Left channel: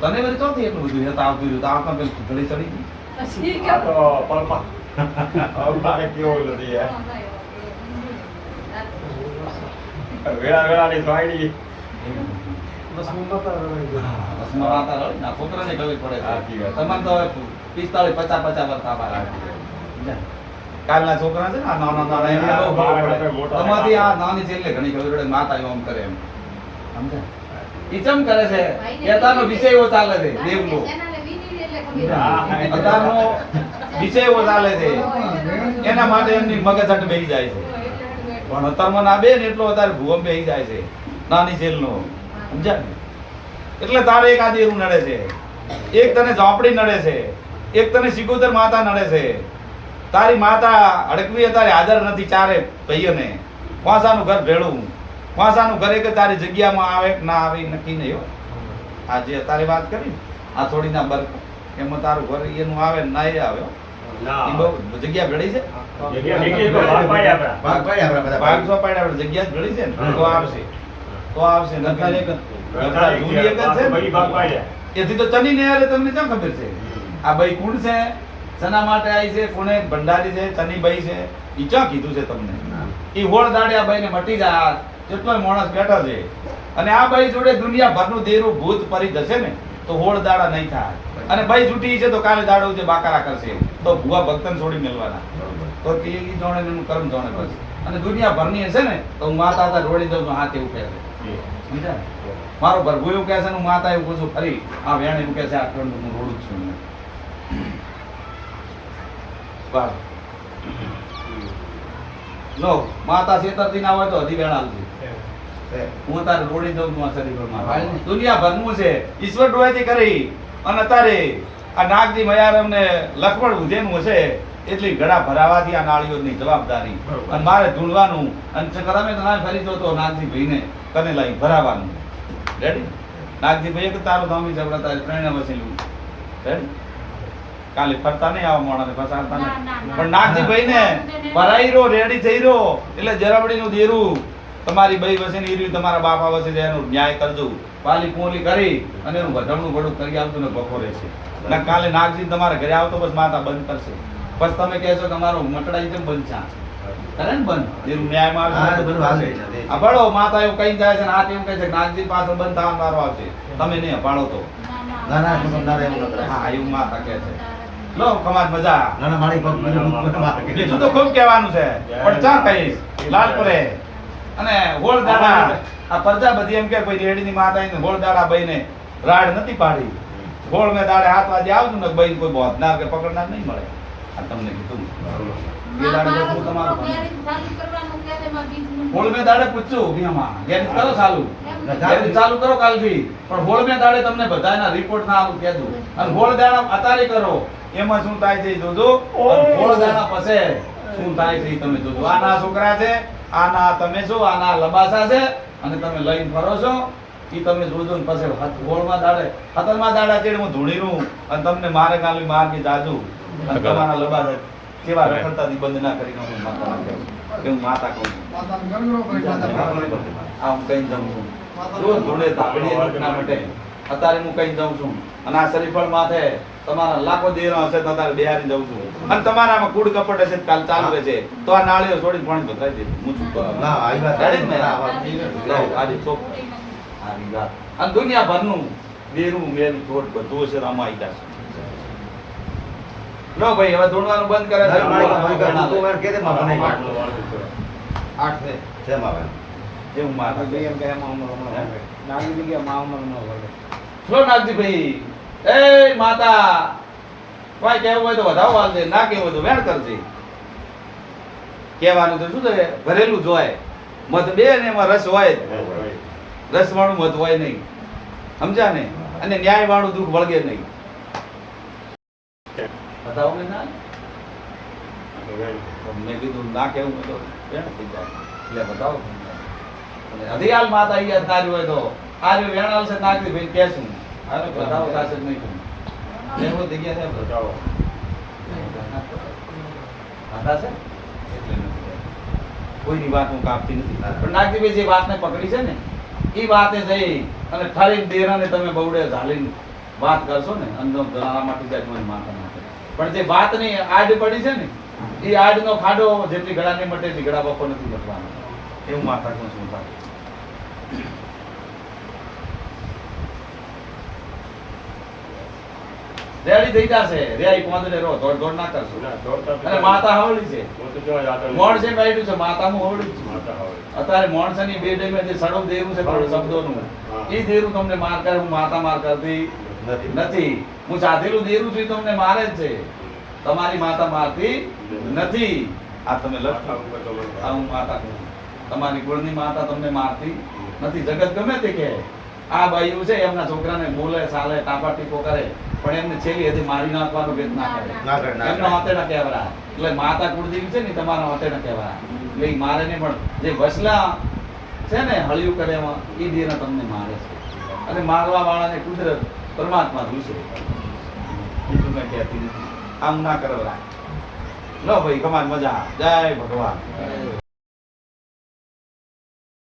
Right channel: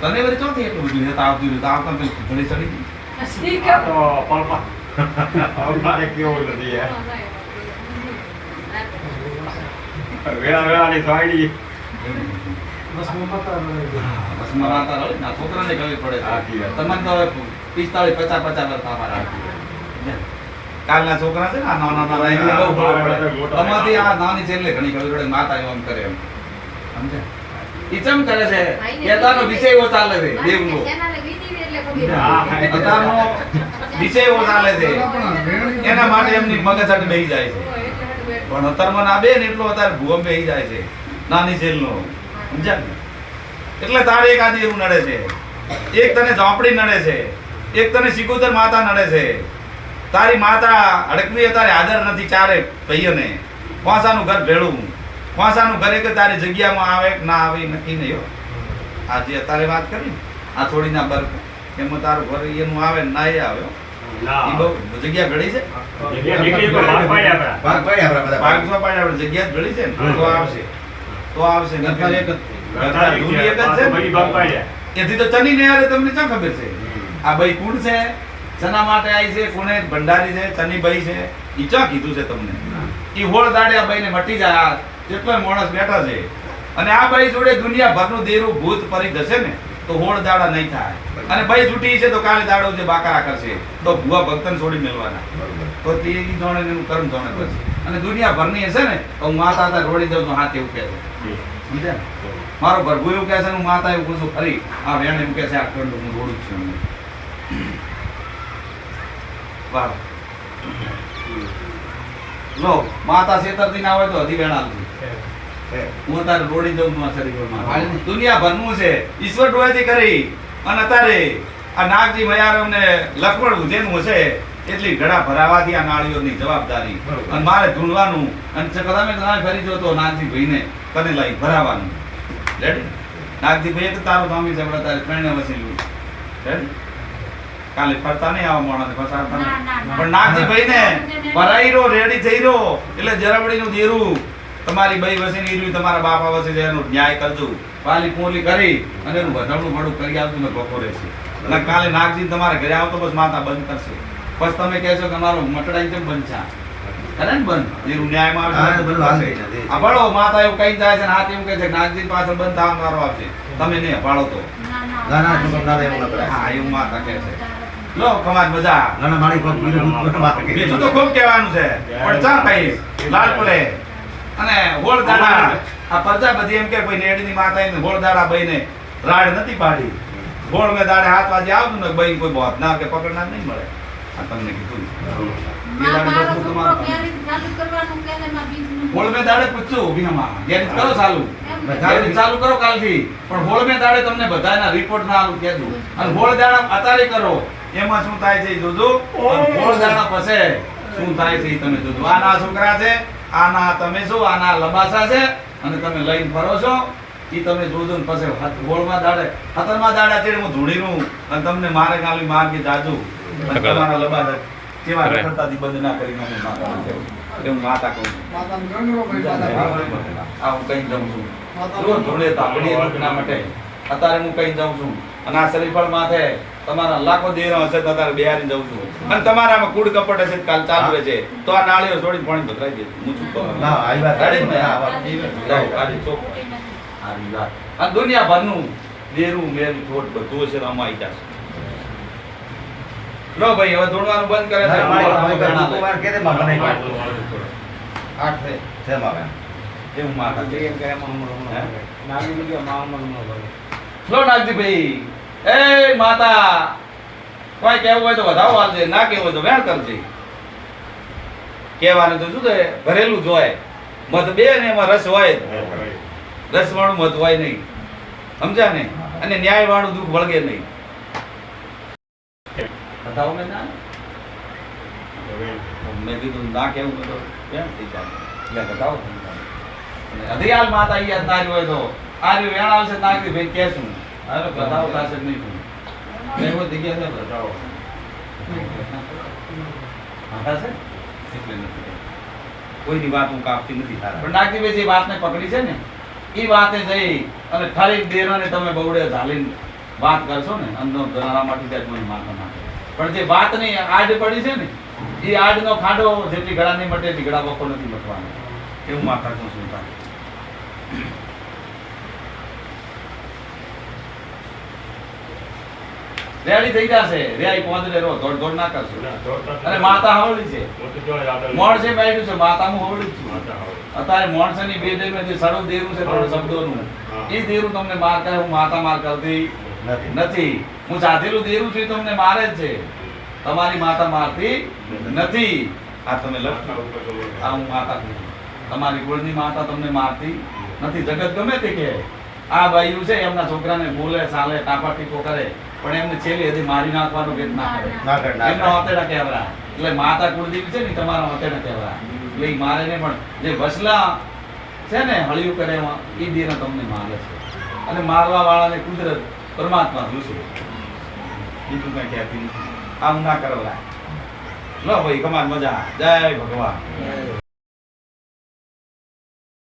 તને વળી ચોથી એટલું બધું? છે તાવ પીધું તાવ કાં પેલું ઘડી ચડી ગઈ? તો કેવો નથી. વેળા ને છોકરાને ગળવી પડે તમારે તો પિસ્તાળીસ પચાસ પચાસ વર્ષ રાખે. કાલના છોકરા છે ને નાના નાના એમને બહુ ખબર પડે. મોટા. આ નાની છે એટલે ઘણી ખબર પડે માતા એમ કરે એમ. સમજે ઈ ચમ કરે છે? કહેતાનો વિષય એવો ચાલે છે. દેવનો અત્યારનો વિષય એવો ચાલે છે. એના માટે એમની મગજ હાટે બેહી જાય છે. પણ અત્યારમાં ના બે ને એટલો અત્યારે ભૂમ બેહી જાય છે. નાની જેલનો. સમજ્યા? એટલે તારે એક આદિ એવું નડે છે. એક તને ઝોપડી નડે છે. એક તને સિકોતર માતા નડે છે. તારી માતા અડકવી તારે આદર નથી ચારે ભાઈઓને. વાંસાનું ઘર ભેળું. વાંસાનું ઘરે કે તારી જગ્યામાં આવે ના આવે નક્કી નહીં હો. આ જે અત્યારે વાત કરી આ થોડી ના બરફ એમાં તારું ઘર એનું આવે ના એ આવે હો. ના. ઈ બહુ જગ્યા ઘડી છે. જગ્યા નીકળી તો છે ને. આવશે. તો. એથી તો તની ને તમને ક્યાં ખબર છે? આ ભાઈ કુણ છે. ચના માટે આવી છે કોને ભંડારી છે ચની ભાઈ છે એ ચા કીધું છે તમને? એ હોળ દાડે આ ભાઈને મટી જાય કેટલોય માણસ બેઠા છે. અને આ ભાઈ જોડે દુનિયાભરનું દેરું ભૂત પરી જશે ને તો હોળ દાડા નહીં થાય. અને ભાઈ છૂટી છે તો કાલે દાડો જે બાકારા કરશે. તો ભુવા ભક્તન છોડી મેળવાના તો તે જાણે એનું કર્મ જાણે કરશે અને દુનિયાભરની હશે ને તો હું માતા હતા રોડી દઉં હાથ એવું કહે છે. સમજ્યા મારો ભરભુ એવું કહે છે ને હું માતા એવું કહું છું ફરી. આ વેણ એવું કહે છે આ ખંડ હું રોડું છું. વાહ. લો માતા છેતરતી ના હોય તો હજી આવતી. હું તારે રોડી દઉં તું આ શરીરમાં. દુનિયા ભરનું છે. ઈશ્વર ડોળેથી કરી. અને અત્યારે આ નાગજી મયારમ ને લખમણ ઉજેનું હશે એટલી ઘડા ભરાવાથી આ નાળીઓની જવાબદારી. અને મારે ઢૂંઢવાનું અને તમે તમે ફરી જો તો નાગજી ભાઈને કને લાઈ ભરાવાનું. રેડી નાગજી ભાઈ તો તારું ધમી જબડા તારે ત્રણે વસેલું. રેડી કાલે ફરતા નહીં આવા મોડા ફસાડતા ના, ના, નહીં. ના. પણ નાગજી ભાઈને ભરાઈ રહ્યો રેડી થઈ રહ્યો. એટલે જરબડીનું દેરું તમારી બઈ વસીને ઈર્યું તમારા બાપા વસી રહે એનું ન્યાય કરજો. પાલી પોલી કરી અને એનું વધામણું ભડું કરી આવતું ને ભખો રહેશે એટલે કાલે નાગજી તમારે ઘરે આવતો બસ માતા બંધ કરશે. બસ તમે કહેશો કે મારું મટડાઈ કેમ બંધ છે. કરે ને બંધ? એનું ન્યાયમાં. આ માતા એવું કઈ જાય છે ને હાથ એવું કહે છે કે નાગજી પાછળ બંધ થવા મારો આવશે. તમે નહીં અપાડો તો. ના, ના, ના, એવું હા એવું માતા કહે છે. લો કમાન મજા ના, ના, મારી પગ બીજું બધું વાત કરી. બીજું તો ખૂબ કહેવાનું છે. પણ ચા કહીશ લાલ પોલે અને હોળ દાડા. આ પ્રજાપતિ એમ કે ભાઈ રેડીની માતા એને હોળ દાડા ભાઈને રાડ નથી પાડી. હોળ મે દાડે હાથ વાજે આવતું ને ભાઈ કોઈ બોધનાર કે પકડનાર નહીં મળે. આ તમને કીધું. હોળ મેં દાડે પૂછ્યું ભીમાં ગેરેજ કરો ચાલુ. ચાલુ કરો કાલથી. પણ હોળ મેં દાડે તમને બધાના રિપોર્ટ ના આલું કહેતું અને હોળ દાડા અતારે કરો. એમાં શું થાય છે જોજો? હોળ દાડા પછે શું થાય છે તમે જોજો. આના છોકરા છે આના તમે જો આના લબાસા છે અને તમે લઈને ફરો છો. એ તમે જોજો ને પછી હોળમાં દાડે ખતરમાં દાડા ચડે હું ધૂળીનું અને તમને મારે કાલી માર કે જાજુ. અને તમારા લબાસા કેવા રખડતાથી બંધ ના કરી નાખું માતા કહું. એવું માતા કહું છું. આ હું કઈ જાઉં છું. જો ધૂળે તાપડી ના માટે. અત્યારે હું કઈ જાઉં છું. અને આ શરીફળ માથે તમારા લાખો દેરો હશે તો અત્યારે બિહારી જાઉં છું. અને તમારામાં કુડ કપટ હશે કાલ ચાલુ છે તો આ નાળીઓ છોડીને પાણી ભતરાઈ દે. હું ચૂપ ના, આવી વાત આવી ચોક. આવી વાત. આ દુનિયાભરનું દેરું મેલ ચોટ બધું હશે રમાઈ જશે. લો ભાઈ હવે ધોણવાનું બંધ કરે ના, મારી છે. મારી વાત તું મારે કહેતે માં બનાવી કાઢ. આઠ છે. છે માં એ હું માથા છે. જગ્યાએ કે માં હમણાં હમણાં. નાની જગ્યા માં હમણાં હમણાં વળે. લો નાગજીભાઈ. એ માતા કોઈ કેવું હોય તો વધાવો વાંધે ના કેવું હોય તો વેણ કરજે. કહેવાનું તો શું છે? ભરેલું જોય મત મધ બે ને એમાં રસ હોય. રસ વાળું મધ હોય નહીં. સમજ્યા ને? અને ન્યાય વાળું દુઃખ વળગે નહીં. બતાવો ને? ના મેં કીધું ના કેવું તો વેણ થઈ જાય? એટલે બતાવો અને અધિયાલ માતા યાદ ના હોય તો આ રહ્યું વેણ આવશે નાગજી ભાઈ કહેશું અરે બતાવો થશે નહીં તું એવો જગ્યા છે બતાવો. છે? એટલે નથી. કોઈની વાત હું કાપતી નથી પણ નાગજીભાઈ જે વાતને પકડી છે ને એ વાતે જઈ અને ઠરી દેરાને તમે બહુડે ઝાલીને વાત કરશો ને અંદર જનારા માટે જાય મને માથા માટે. પણ જે વાતની આડ પડી છે ને એ આડનો ખાડો જેટલી ગળા નહીં મટે એટલી ગળા બપોર નથી મટવાનો. એવું માથા કહું છું. તારે રેડી થઈ જશે. રેઈ પહોંચે રહો દોડ દોડ ના કરશો. ના, અને માતા હવળી છે. હું મોણ છે બેઠું છે માતાનું હવળી છું. અત્યારે મોણ છે ની બે દેવ જે સડો દેવું છે થોડું શબ્દોનું. હા. એ દેવું તમને માર કરે હું માતા માર કરતી નથી. નથી. હું સાધેલું દેરું છું તમને મારે જ છે. તમારી માતા મારતી નથી. આ તમે લખો હું માતા તમારી કુળની માતા તમને મારતી નથી. જગત ગમે તે કે આ બાયું છે એમના છોકરાને બોલે સાલે ટાપા ટીપો કરે પણ એમને છેલ્લી હજી મારી નાખવાનો ભેદ ના કરે એમના ના. હતેડા કહેવાય એટલે માતા કુળદેવી છે ને તમારા હતેડા કહેવરા. એટલે મારે નહીં પણ જે વસલા છે ને હળિયું કરે એમાં એ દેના તમને મારે છે. અને મારવા વાળાને કુદરત પરમાત્મા રૂસો બીજું કઈ કહેતી આમ ના કરવા લો ભાઈ કમાન મજા. જય ભગવાન.